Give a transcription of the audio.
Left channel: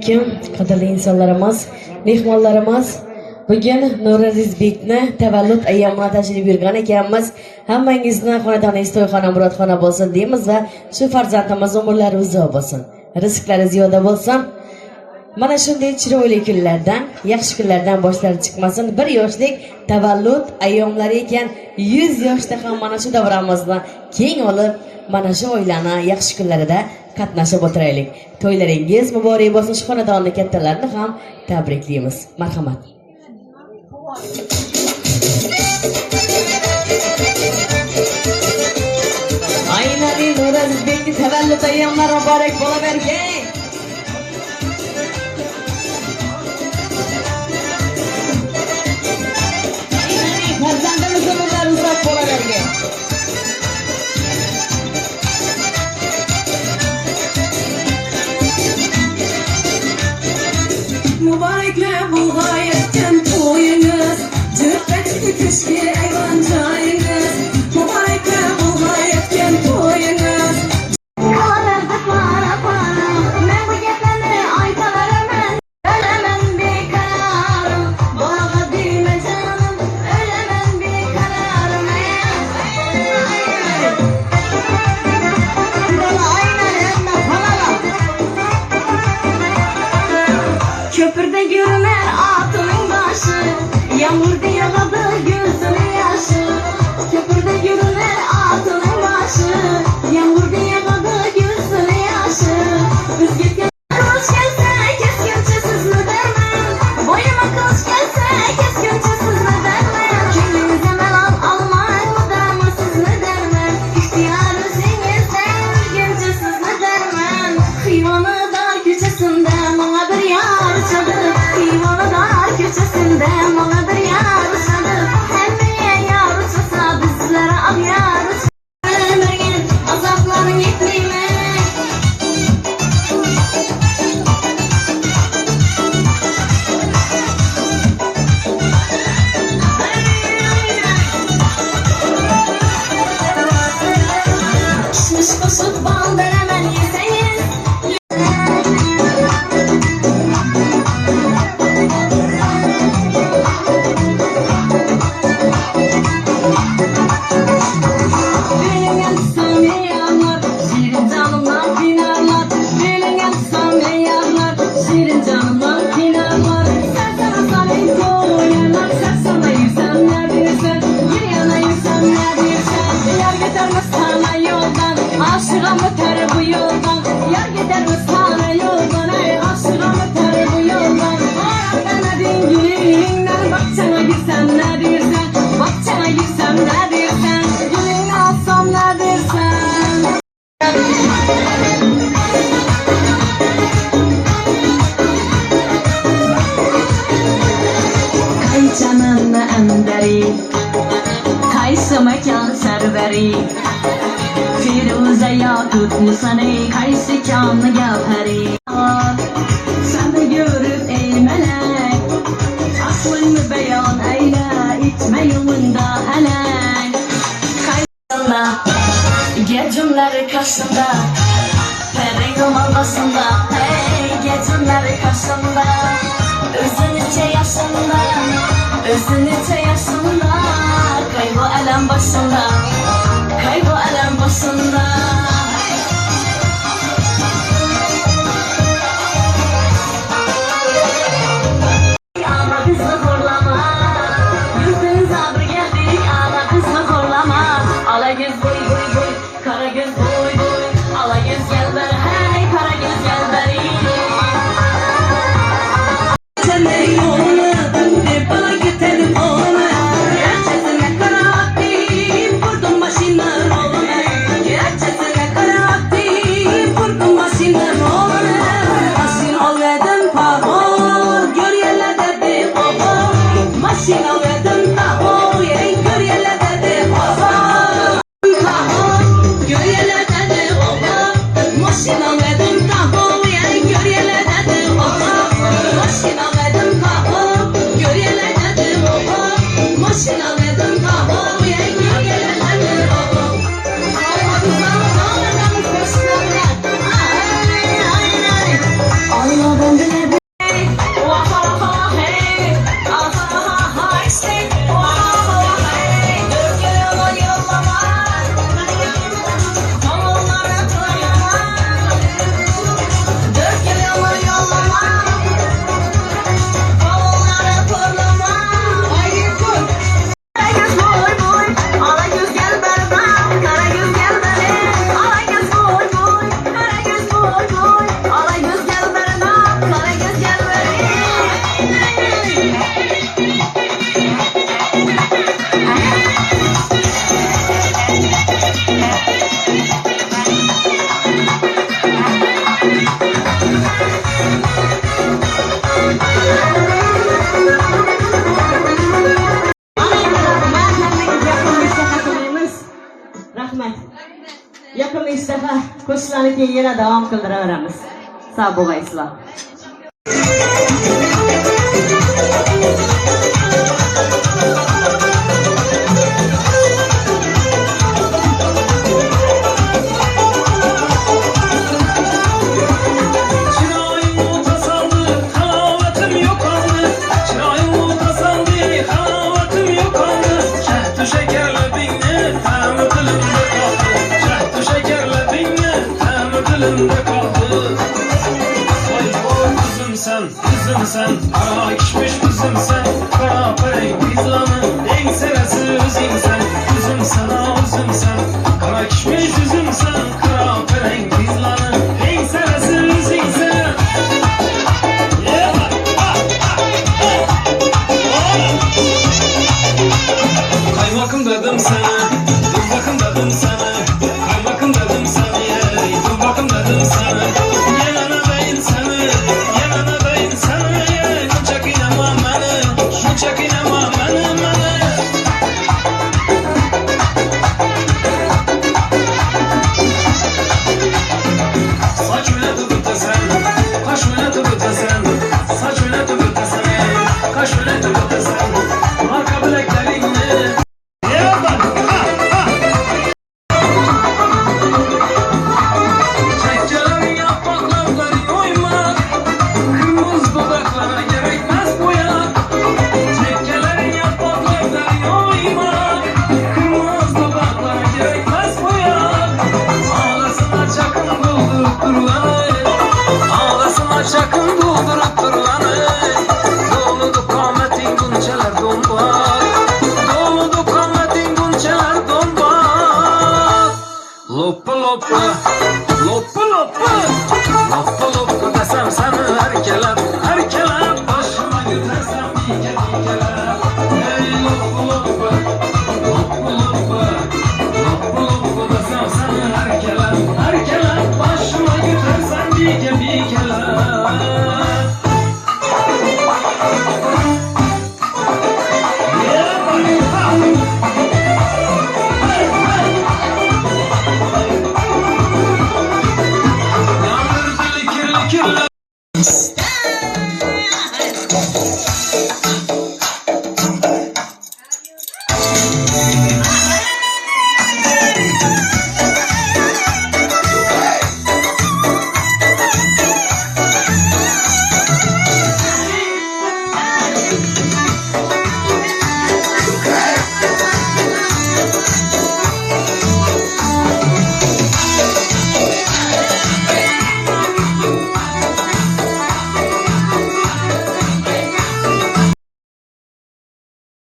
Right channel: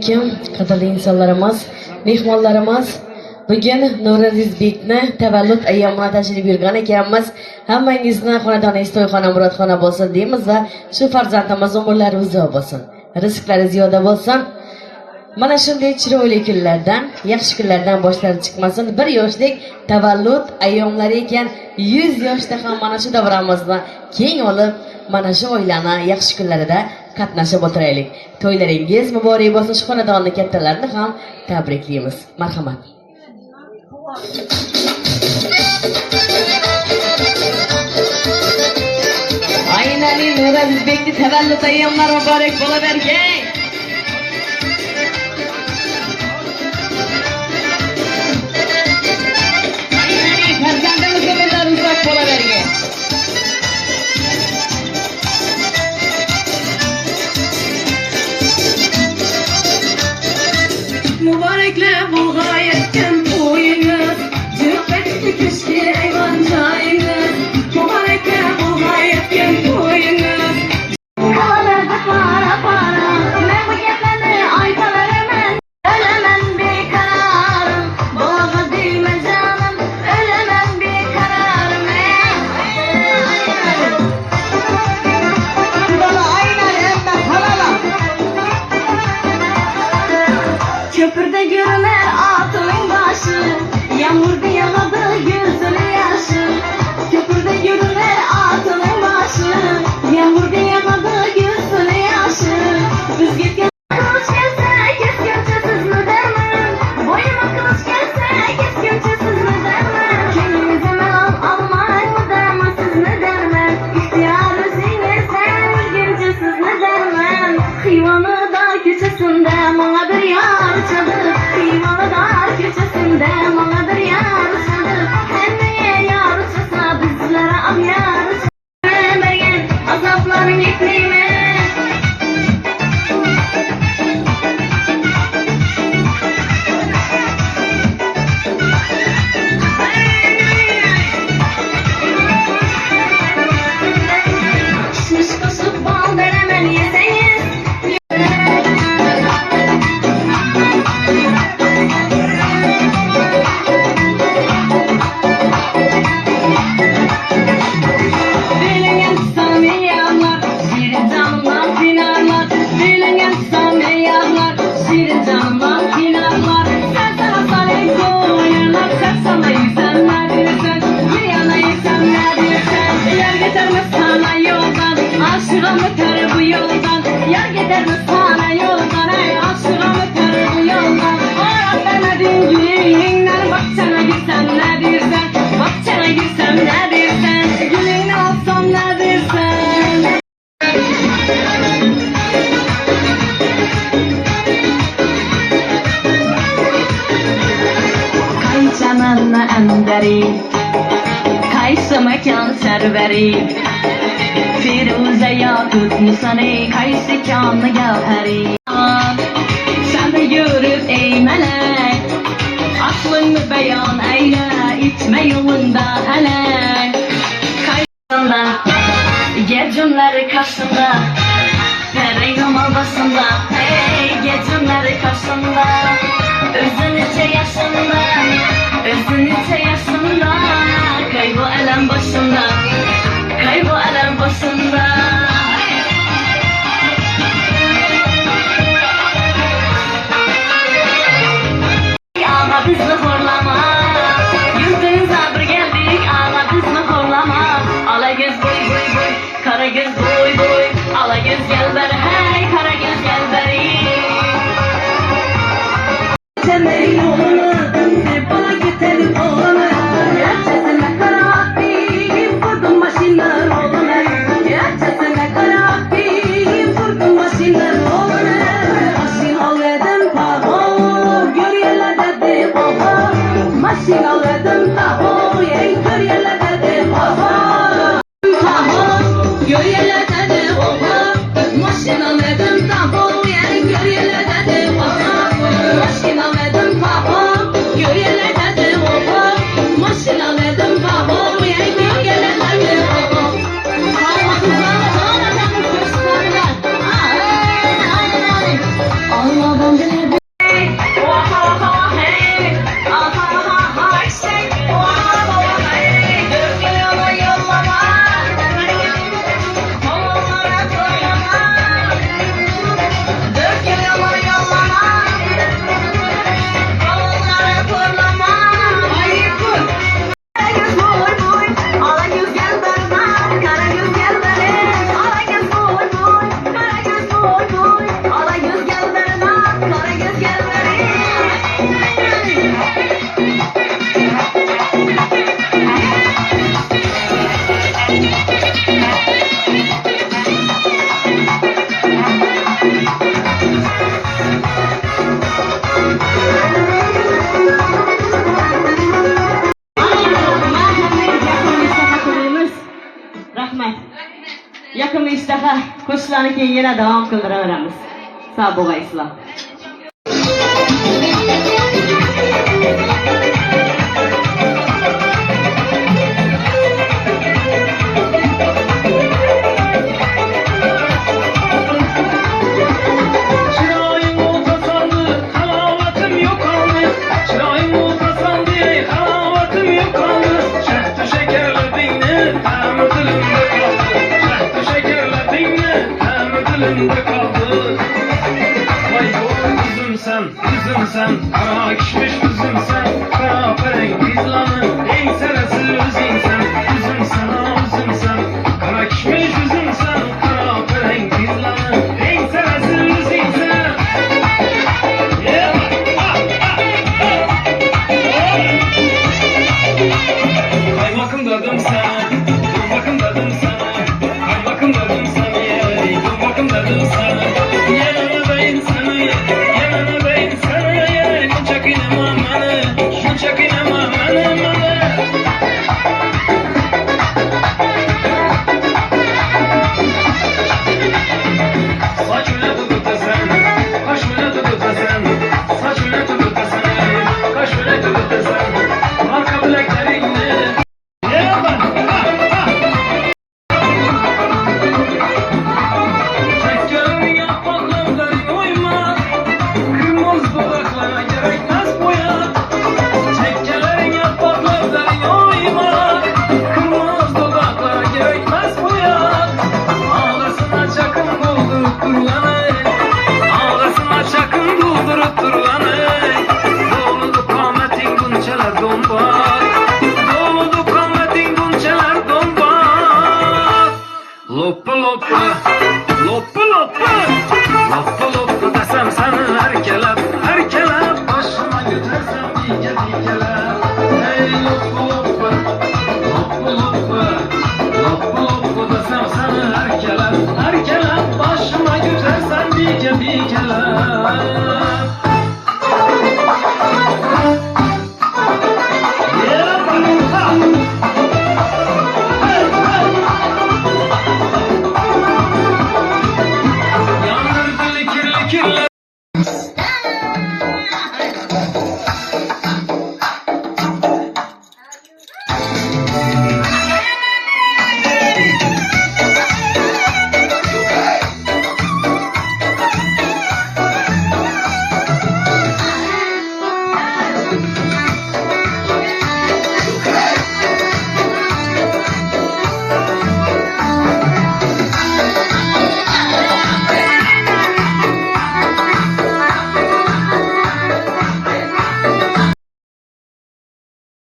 Kim qadrli insonlarimiz, mehmonlarimiz, bugün Nuriz Bekni tavallud ayyomuna tashrif buyurgan ekanmiz. Hammangizni xonadoningiz to'yxona murodxona bo'lsin deymiz va shu farzandimiz umrlari uzoq bo'lsin, rizqlari ziyoda bo'lsin. Mana shunday chiroyli kunlardan, yaxshi kunlardan boshlari chiqmasin. Bir yoshlik tavallud ayyomlari ekan, 100 yoshda ham mana shu davramizni keng olib, mana shu oilani yaxshi kunlarida qatnashib o'tiraylik. To'ylaringiz muborak bo'lsin. Shu xonadonni kattalarini ham tabriklaymiz. Marhamat. Aynan Nuriz Bekni tavallud ayyomlari muborak bo'lavergay. Farzandimiz umrlari uzoq bo'lavergay. Muboraklar bu g'oyatgan to'yingiz, jiqqatli kishki ayvon joyingiz. Muboraklar bu g'oyatgan to'yingiz. Köprüde görüner atının başı, yağmur diye yağdı gözünün yaşı. Köprüde görüner atının başı, yağmur diye yağdı gözünün yaşı. Üzgün kılıç gelse keskince siz mi derman? Boynuma kılıç gelse keskince siz mi derman? Kendinize melan almayın mı derman, siz mi derman? İhtiyar özünüzden üzgünce siz mi derman? Kıyvanı dar köşesinde bana bir yar çalıp, kıyvanı dar köşesinde bana bir yar çalıp, hemmeye yar çalsa bizlere al yar çalıp, mergen azaplarını yekleyme. Kişmiş koşup bal denemen yeseniz, aşığım öter bu yoldan, yar gider mi sana yoldan, ey aşığım öter bu yoldan. Aram ben adın yüreğinden, bakçana girsem ne dersen, bakçana girsem ne dersen, yüreğini alsam ne dersen. Kayçananna emberi, kaysı mekan serveri, Firuze yakut nisane kaysi kanlı gavheri. Sen de görüp ey melek, aklını beyan eyle, itme yolunda hele. Kaysında, gecimleri karşında, pereyim albasında, hey gecimleri karşında, özünüce yaşında, özünüce yaşında, kaybı elem başında, kaybı elem başında. Ama bizi horlama, yüzün sabır geldik ama bizi horlama. Ala göz boy boy boy, kara göz boy boy, ala göz gel beri hey, kara göz gel beri. Senlerin yolunu döndür bana götürüp oğlunu, gerçekten kara vaktim vurdum başına oğlunu, gerçekten kara vaktim vurdum başına oğlunu. Maşin al verdim paho, gör yerlerde de oho, maşin al verdim paho, gör yerlerde de oho, paho, gör yerlerde de oho, maşin al verdim paho, gör yerlerde de oho, maşin al verdim paho, gör yerlerde de oho, 5 dəfə qoşulanı ki yenə davam qıldıraveramiz. Sağ bo'laysizlar. Üzüm sen, kara kişmiş üzüm sen, kara perek bizlanı, en serası üzüm sen, üzüm sen, kara kişmiş üzüm sen, kara perek bizlanı, en serası üzüm sen. Kaymakım dedim sana, dur bakım dedim sana, kaymakım dedim sana, dur bakım dedim sana, yemene değil seni, yemene değil seni, şu çekinema beni. Saç öyle tutup da sen, kaş öyle tutup da sen, saç öyle tutup da sen, kaş öyle tutup da sen, marka bileklerini. Çekçelerin yapraklardan oyma, kırmızı dudaklara gerekmez boya. Çekçelerin yapraklardan oyma, kırmızı dudaklara gerekmez boya. Ağlasına çakın doldurup durulanı, ağlasına çakın doldurup durulanı. Doludu kametin bunçeler dombar, doludu kametin bunçeler dombar. Loppa loppa, loppa loppa, loppa loppa desem seni herkeler, başıma götürsem dikeler. Hey loppa loppa,